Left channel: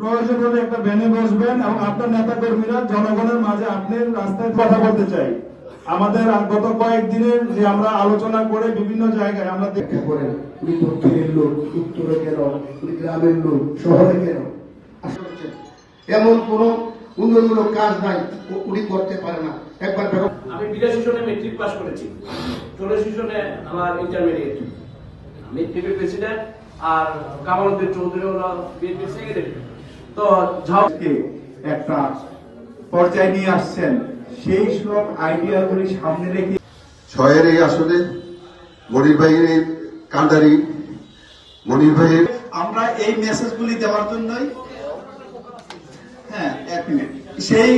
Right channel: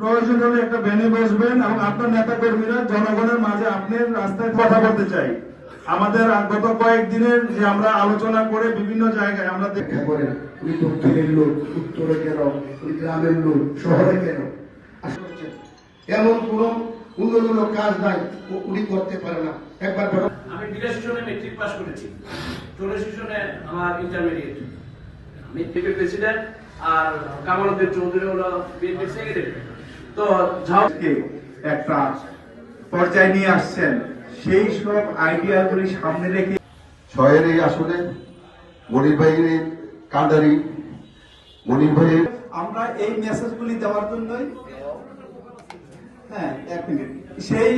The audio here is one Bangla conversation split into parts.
প্রয়োজন হলে একটা ভ্যানে বসবেন এবং আপনার নেতা কর্মীরা জনগণের মাঝে আপনি রাস্তায় কথা বলতে চাই। আমাদের গত কয়েকদিনের যে আমরা আলোচনা করে বিভিন্ন জায়গায় আমরা দেখা করেন উনি দক্ষিণের লোক, উত্তরে কেন, উনি গ্রামের লোক, শহরে কেন, এমন কোন উন্নয়নমূলক কাজ নাই উনি করতে পারে না। একবার আমি 82 সনে মেট্রিক পাস করেছি, 84 সনে আমার ইন্টারমিডিয়েট। আমি থেকে প্রেসিডেন্ট আর কামালউদ্দিন চৌধুরী হলো বিএনপি সেক্রেটারি। তো ঝাউকে একটা পর্যায়ে নিয়ে আসছেন, সেই সব আইডিয়াগুলি সামনে রেখে ছয়ের এই আসলে মনির ভাইয়ের কান্ডারি মনির ভাইয়ের আমরা এই মেসেজগুলি দেওয়ার জন্যই এক মিনিট সেই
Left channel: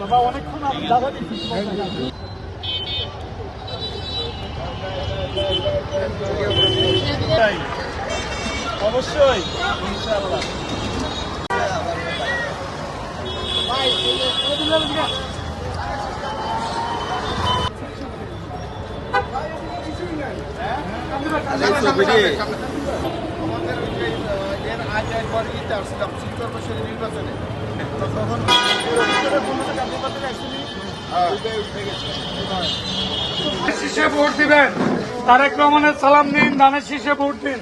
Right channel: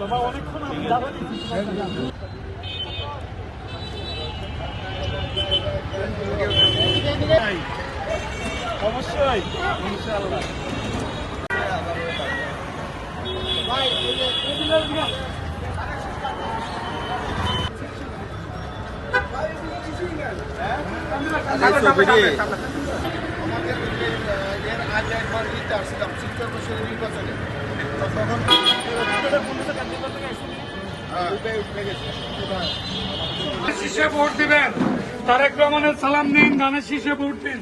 বাবা অনেকক্ষণ আপনি অবশ্যই ইনশাআল্লাহ আমাদের এর আগে একবার ইতে আসছিলাম ৭০ বছরের নির্বাচনে, তখন শীষে ভোট দিবেন, তারেক রহমানের সালাম নিন, ধানের শীষে ভোট দিন।